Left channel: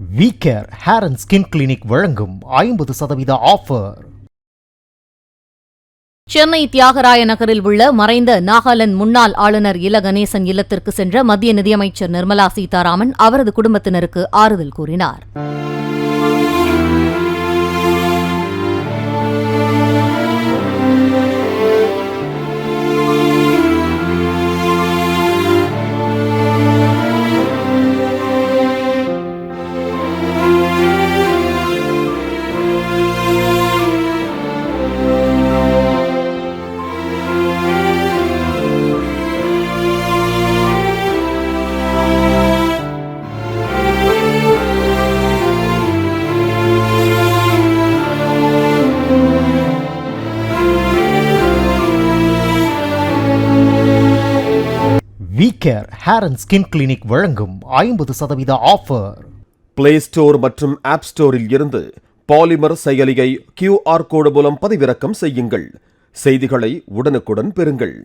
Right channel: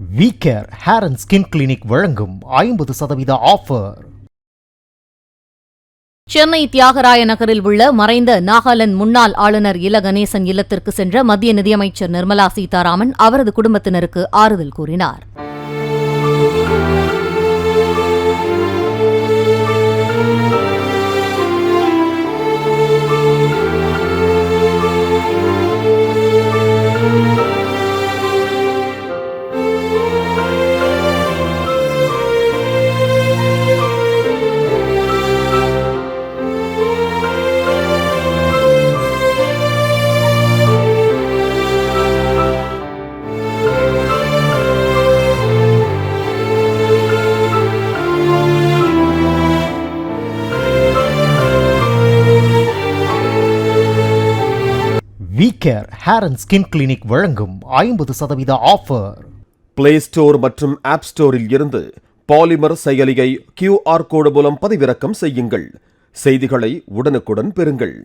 வீக்கேர் hair and skin clinic வழங்கும் 50% offer. Chennai Thyagaraya நகரில் உள்ள மறைந்த நாகாலாந்து முன்னாள் ஆளுநர் இல கணேசன் இல்லத்திற்கு சென்ற மத்திய நிதியமைச்சர் நிர்மலா சீதாராமன் அவரது குடும்பத்தினருக்கு ஆறுதல் கூறினார். வீக்கேர் ஹேர் அண்ட் ஸ்கின் கிளினிக் வழங்கும் 50% ஆஃபர். பிளே ஸ்டோர் மற்றும் ஆப் ஸ்டோரில் இருந்து பாலிமர் செயலியை QR கோடு மூலம் பதிவிறக்கம் செய்யுங்கள். செய்திகளை உடனுக்குடன் பெறுங்கள்.